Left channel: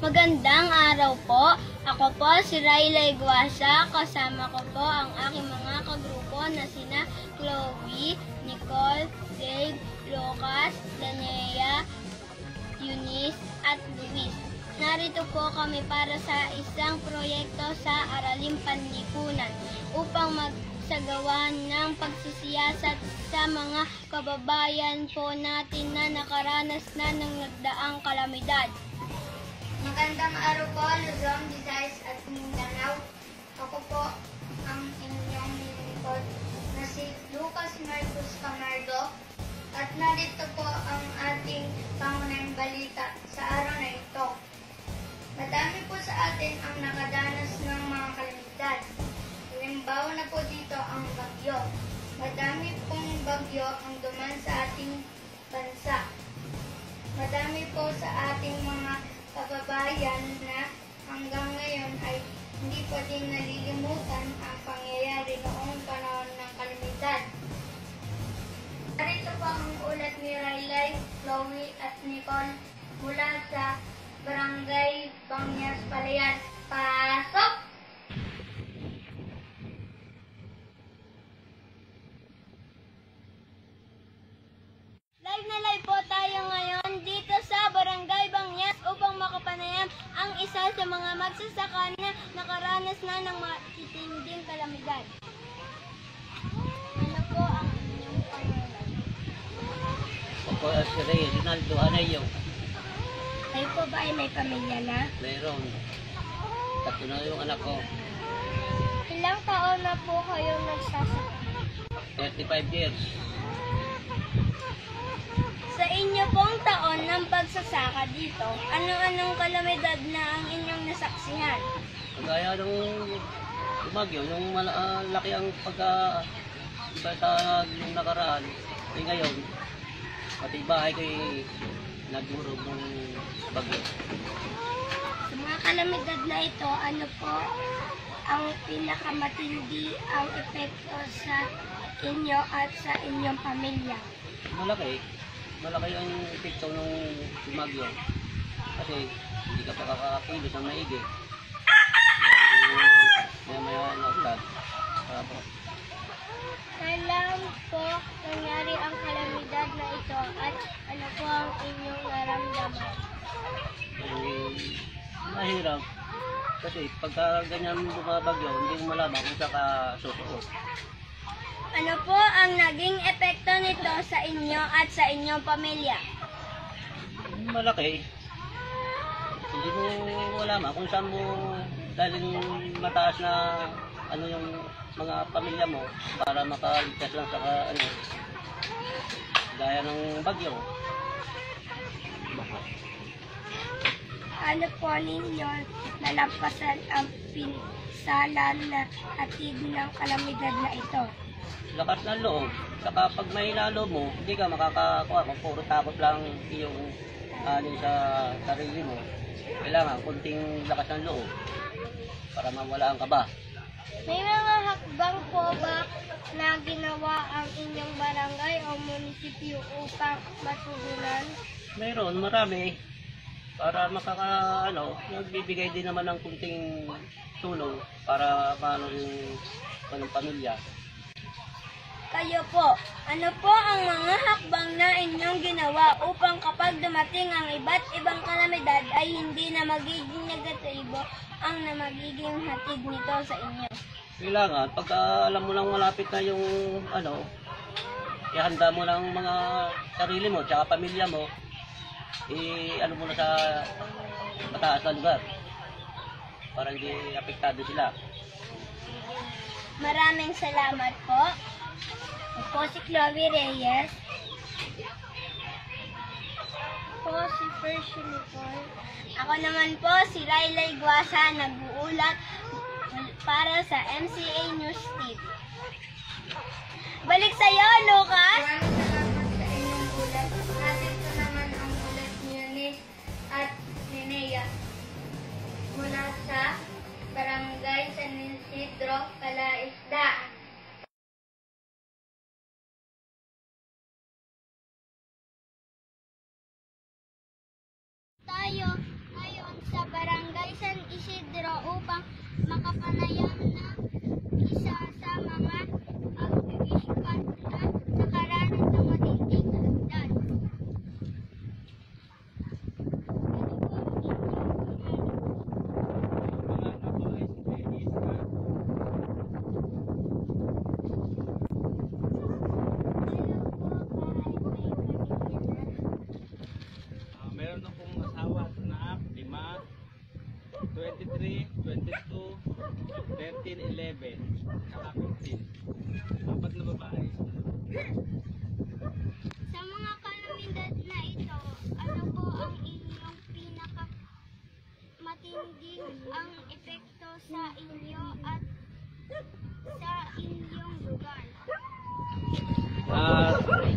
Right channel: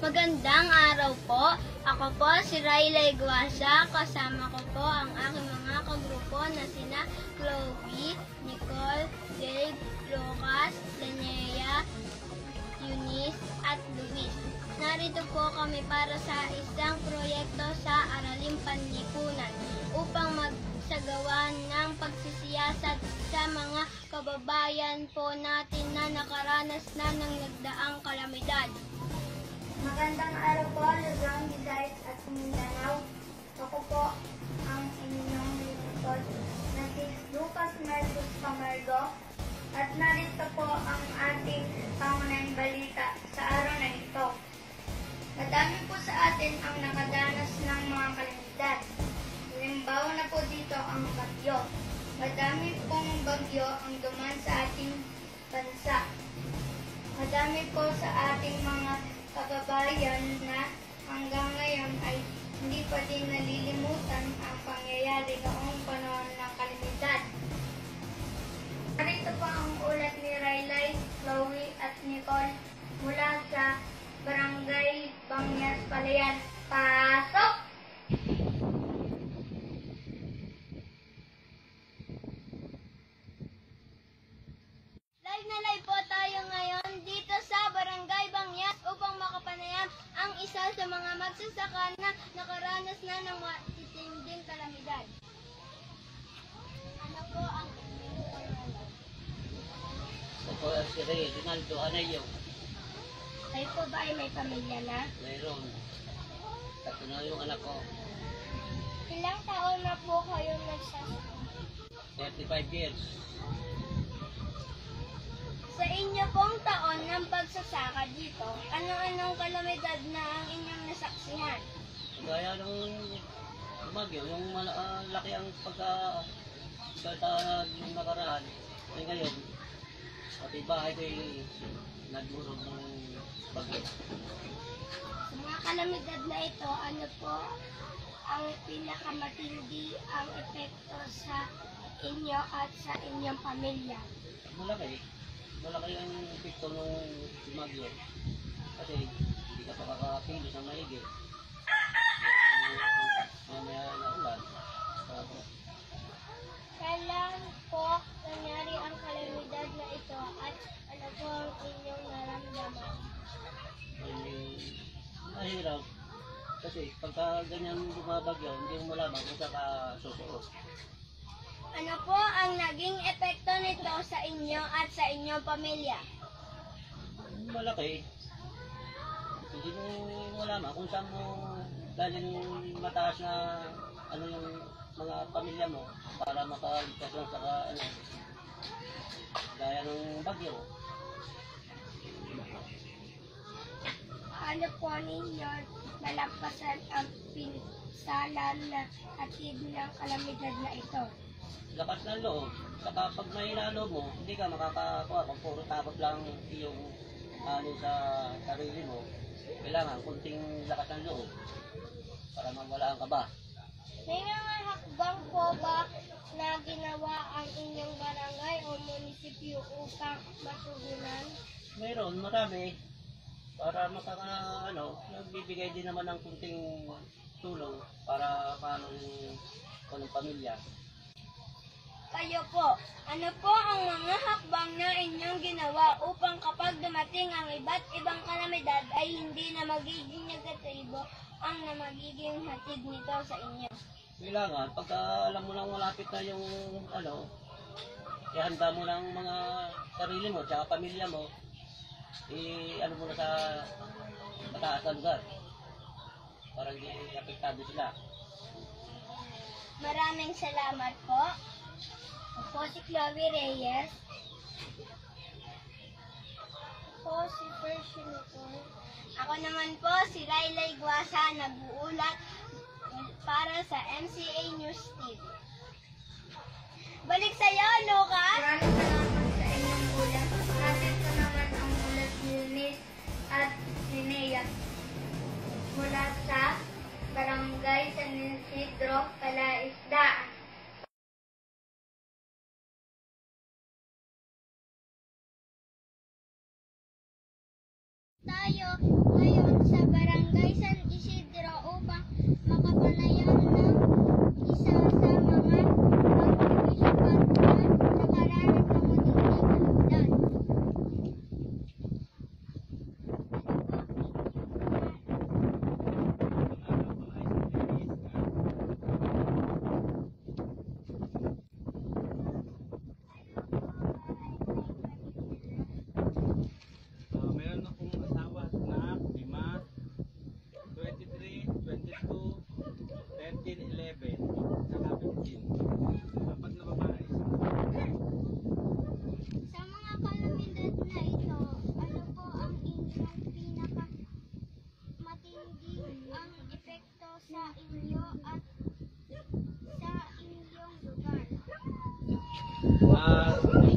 Magandang araw po. Ako po si Raylay Guasa. Kasama ko po ang aking mga kagrupo na sina Chloe, Nicole, Dave, Lucas, Danea, Eunice at Luis. Narito po kami para sa isang proyekto sa Araling Panlipunan upang magsagawa ng pagsisiyasat sa mga kababayan po natin na nakaranas na ng nagdaang kalamidad. Magandang araw po, Luzon, Visayas at Mindanao. Ako po ang inyong lingkod na si Lucas Marcos Camargo at narito po ang ating pangunahing balita sa araw na ito. Madami po sa atin ang nakadanas ng mga kalamidad. Halimbawa na po dito ang bagyo. Madami pong bagyo ang duman sa ating bansa. Madami po sa ating mga kababayan na hanggang ngayon ay hindi pa din nalilimutan ang pangyayari noong panahon ng kalamidad. Narito po ang ulat ni Raylay, Chloe at Nicole mula sa Barangay Bangyas, Palayan. Pasok! Live na live po tayo ngayon dito sa Barangay Bangyas upang makapanayam ang isa sa mga magsasaka na nakaranas na ng matitinding kalamidad. Ano po ang inyong pangalan? Ako si Reginaldo Anayo. Kayo po ba ay may pamilya na? Mayroon. Tatlo na yung anak ko. Ilang taon na po kayong nagsasaka? 35 years. Sa inyo pong taon ng pagsasaka dito, ano-anong kalamidad na ang inyong nasaksihan? Kagaya ng lumagyo, yung laki ang pagka yung nakaraan. Eh ngayon, pati bahay ko nagdurog ng bagyo. Sa mga kalamidad na ito, ano po ang pinakamatindi ang epekto sa inyo at sa inyong pamilya? Malaki ang epekto ng lumagyo. Kasi hindi ka pa kakakilos ng maigi. Maya na ulan. Kailan po nangyari ang kalamidad na ito at ano po ang inyong naramdaman? Mahirap. Kasi pagka ganyan bumabagyo, hindi mo malaman kung saan ka susuot. Ano po ang naging epekto nito sa inyo at sa inyong pamilya? Malaki. Hindi mo malaman kung saan mo dahil mataas na ano yung mga pamilya mo para makaligtas lang sa gaya ng bagyo. Ano po ninyo nalampasan ang pinsalan na hatid ng kalamidad na ito? Lakas ng loob. Saka pag may loob mo, hindi ka makakakuha kung puro takot lang yung sa sarili mo. Kailangan kunting lakas ng loob para mawala ang kaba. May mga hakbang po ba na ginawa ang inyong barangay o munisipyo upang matugunan? Mayroon, marami. Para nagbibigay din naman ng kunting tulong para paano yung anong pamilya. Kayo po, ano po ang mga hakbang na inyong ginawa upang kapag dumating ang iba't ibang kalamidad ay hindi na magiging negatibo ang na magiging hatid nito sa inyo? Kailangan, pagka alam mo lang malapit na yung ihanda mo lang mga sarili mo tsaka pamilya mo, mo na sa mataas na lugar para hindi apektado sila. Maraming salamat po. Ako po si Chloe Reyes. Po si Percy Nicole. Ako naman po si Raylay Guasa, nag-uulat para sa MCA News TV. Balik sa'yo, Lucas! Maraming salamat sa inyong ulat. Narito naman ang ulat ni Eunice at Linnea mula sa Barangay San Isidro, Calaisdaan. Tayo tayo ngayon sa Barangay San Isidro upang makapanayam ng isa sa mga participant na nakaranas ng matinding hagdan. Meron akong asawa at anak, 5, 23, 22, 13, 11, saka 15. 4 na babae. Sa mga kalamidad na ito, ano po ang inyong pinaka matinding ang epekto sa inyo at sa inyong lugar?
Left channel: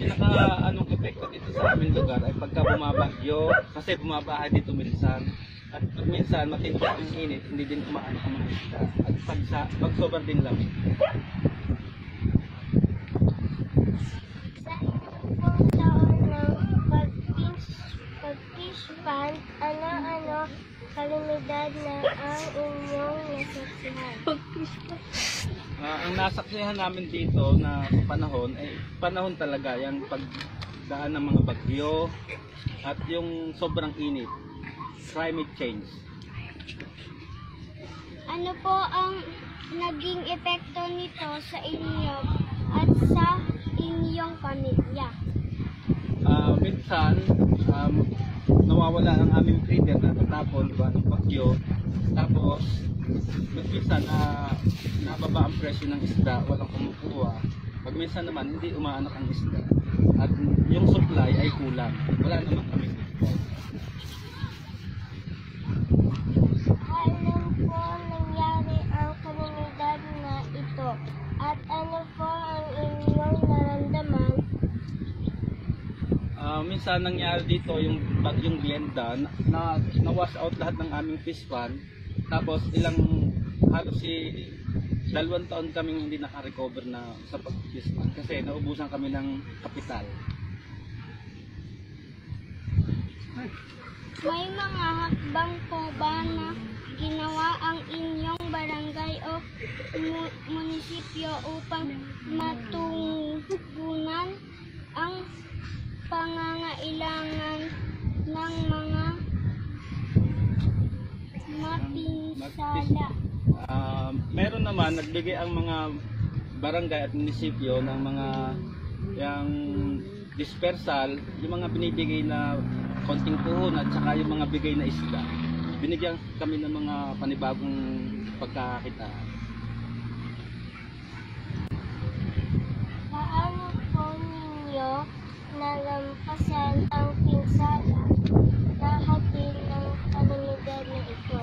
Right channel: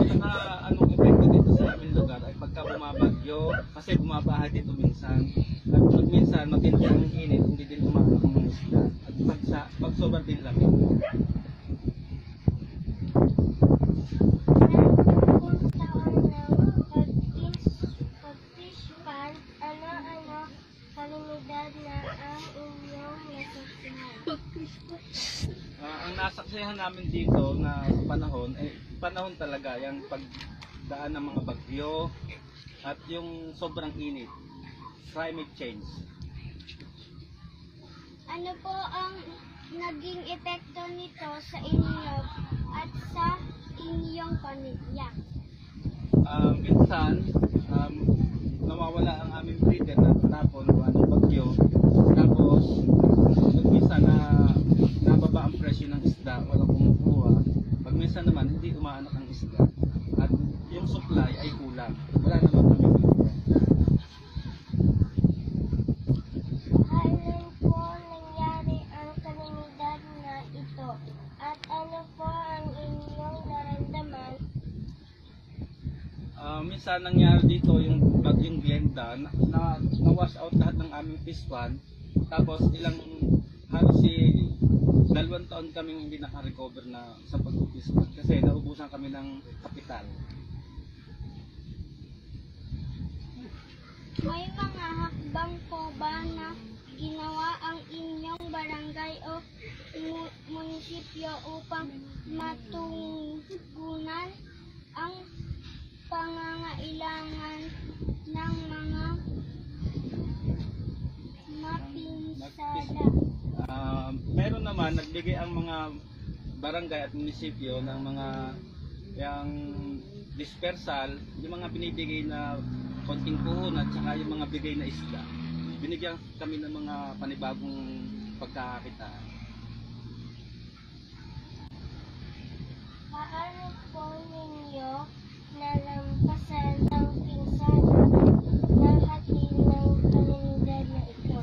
Pinaka anong epekto dito sa aming lugar ay pagka bumabagyo, kasi bumabaha dito minsan. At pag minsan matindi ang init, hindi din umahanap ang mga isda. At pag sobrang din lamig. Sa mga taon ng pag-fish pond, ano-ano kalamidad na ang inyong nasaksihan? Ang nasaksihan namin dito na panahon, panahon talaga yung pagdaan ng mga bagyo at yung sobrang init, climate change. Ano po ang naging epekto nito sa inyo at sa inyong pamilya? Minsan, nawawala ang aming breeder na tatapon gawa ng bagyo. Tapos, minsan nababa ang presyo ng isda, walang kumukuha. Pag minsan naman, hindi umaanak ang isda. At yung supply ay kulang. Wala naman kaming bibigay. Kailan po nangyari ang kalamidad na ito? At ano po ang inyong naramdaman? Minsan nangyari dito yung bagyong Glenda na wash out lahat ng aming fish pond. Tapos halos 2 taon kaming hindi naka-recover na sa pag-fish pond kasi naubusan kami ng kapital. May mga hakbang po ba na ginawa ang inyong barangay o munisipyo upang matugunan ang pangangailangan ng mga mapinsala? Meron naman, nagbigay ang mga barangay at munisipyo ng mga yung dispersal, yung mga binibigay na konting puhon at saka yung mga bigay na isda. Binigyan kami ng mga panibagong pagkakakitaan. Paano po ninyo nalampasan ang pinsala na hatid ng kalamidad na ito?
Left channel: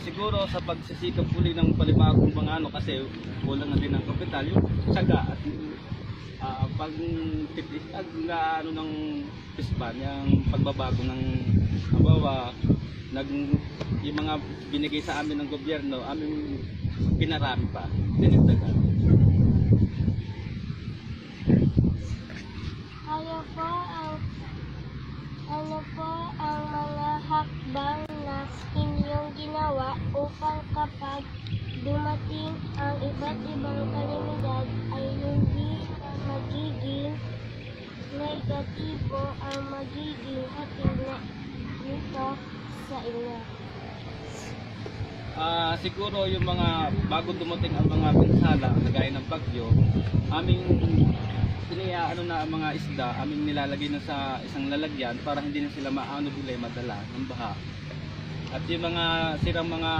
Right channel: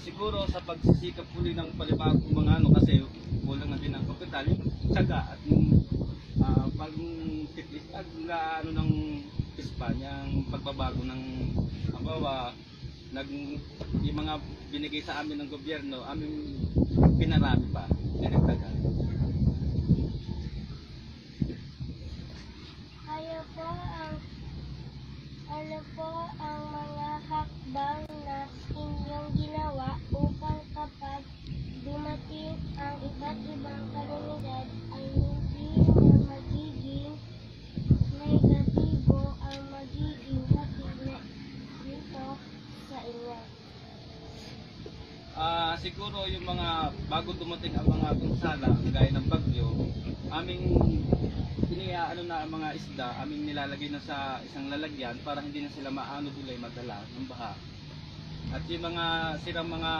Siguro sa pagsisikap uli ng panibagong mga kasi kulang na din ang kapital, yung tsaga at pag titiag na ng pispan, yung pagbabago ng yung mga binigay sa amin ng gobyerno, aming pinarami pa, dinagdagan. Ano po ang mga hakbang na inyong ginawa upang kapag dumating ang iba't ibang kalamidad ay hindi na magiging negatibo ang magiging hatid na nito sa inyo? Siguro yung mga bago dumating ang mga pinsala kagaya ng bagyo, aming ano na ang mga isda, aming nilalagay na sa isang lalagyan para hindi na sila madala ng baha. At yung mga sirang mga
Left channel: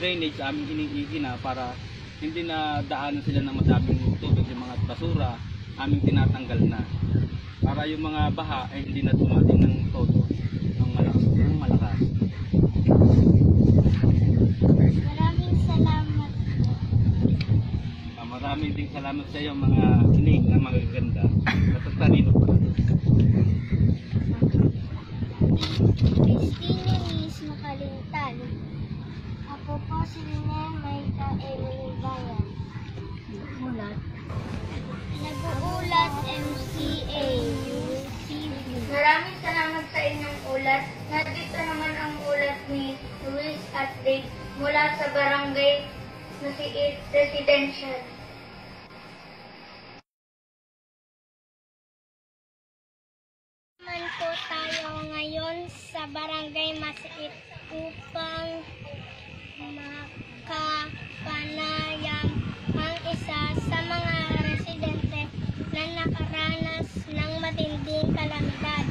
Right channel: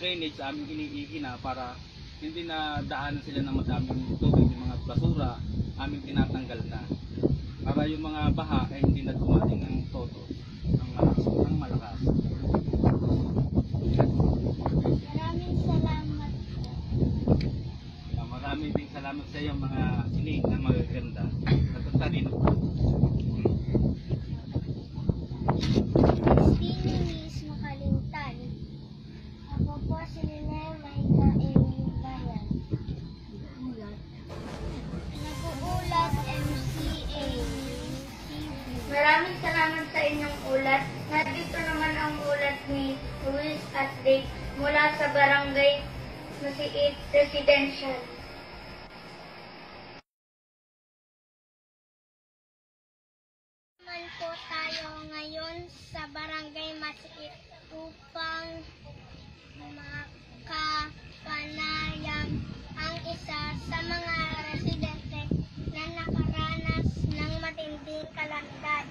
drainage aming iniigi na para hindi na daanan sila ng madaming tubig, yung mga basura aming tinatanggal na. Para yung mga baha ay hindi na dumating ng todo ng malakas. Maraming salamat po. Maraming ding salamat sa iyo mga ining na magaganda at ang talino pa. Christine Nis Makalintan. Ako po si Lynel Maika Emily Bayan. Nag-uulat MCA. Maraming salamat sa inyong Nandito naman ang ulat ni Luis at Dave mula sa Barangay Masiit Residential. Naman po tayo ngayon sa Barangay Masiit upang makapanayam ang isa sa mga residente na nakaranas ng matinding kalamidad.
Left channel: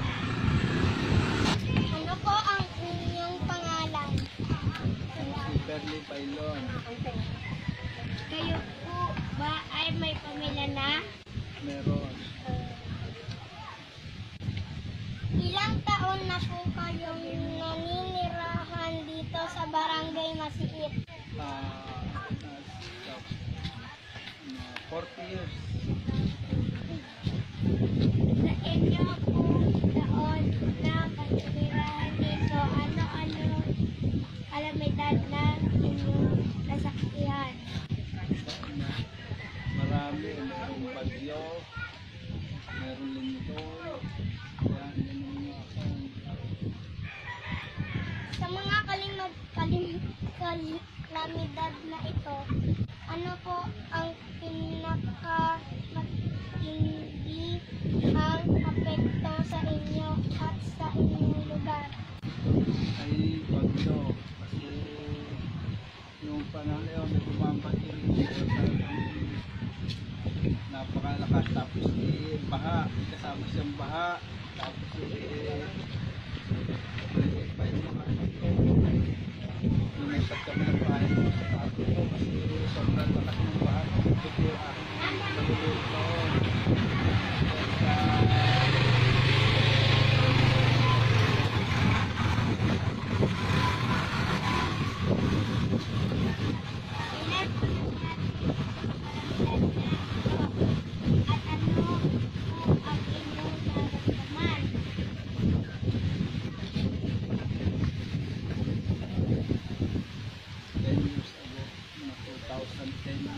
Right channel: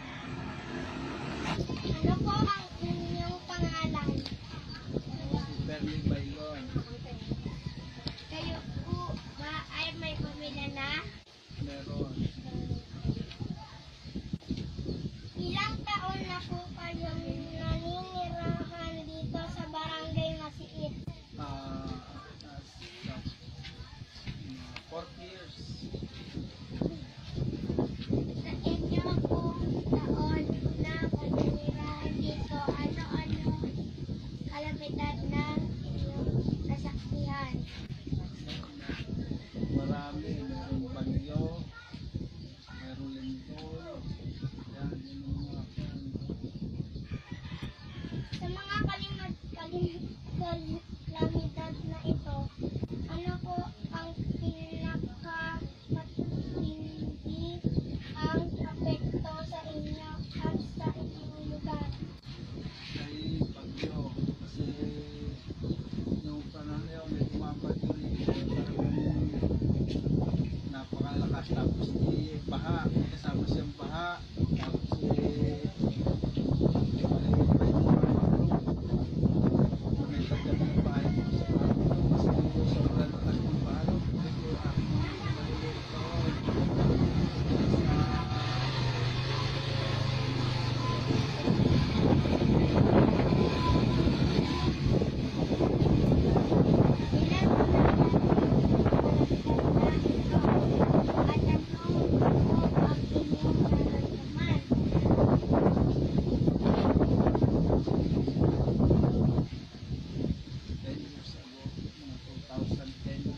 Ano po ang inyong pangalan? Si Perly Bailon. Kayo po ba ay may pamilya na? Meron. Ilang taon na po kayong naninirahan dito sa Barangay Masiit? Nasa 40 years. Sa inyo po taon na naninirahan dito, ano-ano kalamidad na inyong nasaksihan? Marami. Merong bagyo. Merong lindol. Yan, yun ang mga Sa mga kalamidad na ito, ano po ang pinakamatindi ang apekto sa inyo at sa inyong lugar? ay bagyo. Kasi yung panahon na yun, may bumabagyo rito. Talagang napakalakas. Tapos baha. May kasama siyang baha. Tapos maliit pa yung mga ito. Lumipat kami ng bahay ko sa parang ito. Kasi sobrang lakas ng baha. Ito yung aking maliliit doon. Ilan po nangyari ang kalamidad na ito at ano po ang inyong nararamdaman? 10 years ago, mga 2010.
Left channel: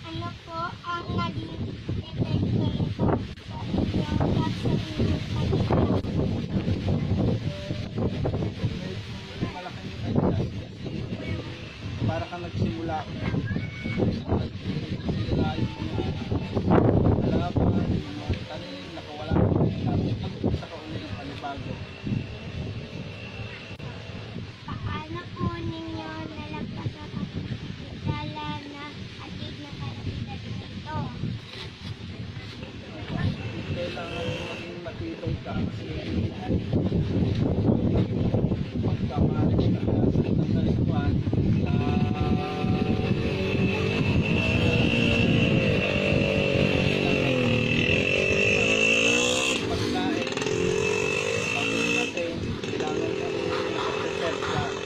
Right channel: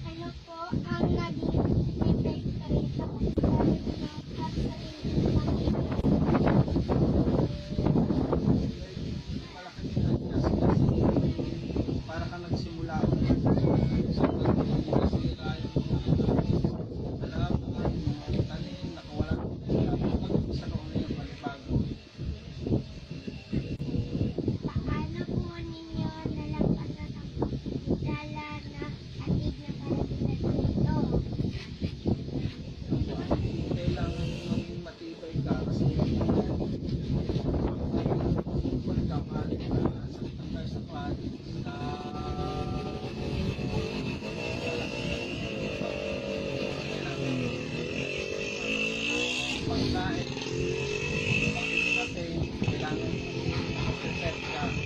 Ano po ang naging epekto nito sa inyo at sa inyong pamilya? Medyo malaking adjust kasi para kang nagsimula ulit. Sa nasira yung mga halaman, yung mga tanim, nakawala ko rin. Tapos mag-umpisa ka ulit yung panibago. Paano po ninyo nalampasan ang dala na hatid na kalamidad nito? Kailangan maging matibay ka kasi pagka maaari ka sa itang kalsuan na pagkain, bago dumating, kailangan mo makaprepare ka bago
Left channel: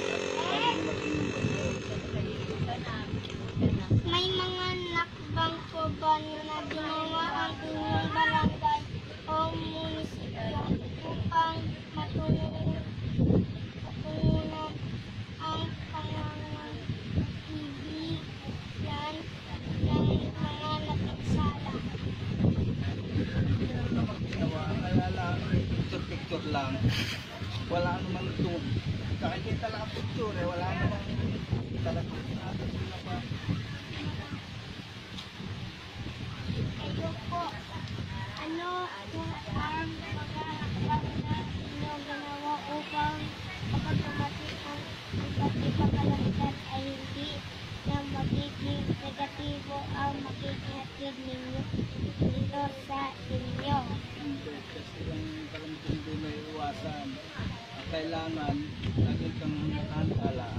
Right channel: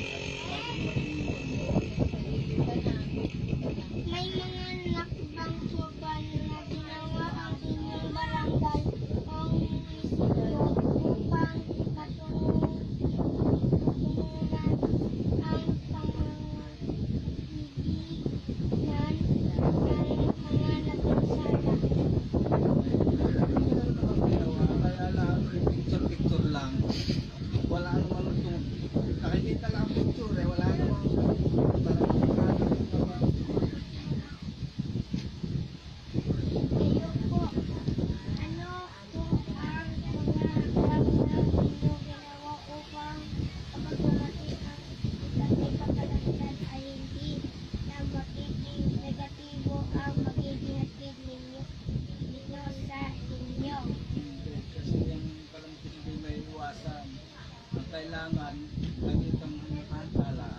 dumating yung bagyo. May mga nakbang po ba na ginawa ang inyong barangay o munisipyo upang matungunan ang pangangailangan ng mga napinsala? Meron namang ginawa, kaya lang picture-picture lang. Wala namang nakikita lang ang picture wala namang talagang ginawa. Kayo po, ano po ang mga hakbang na inyong ginawa upang kapag dumating ang iba't ibang kalamidad ay hindi na magiging negatibo ang magiging hatid ninyo dito sa inyo? Hindi, kasi yung kalamidad hindi may iwasan. Ang kailangan, lagi kang nakahantala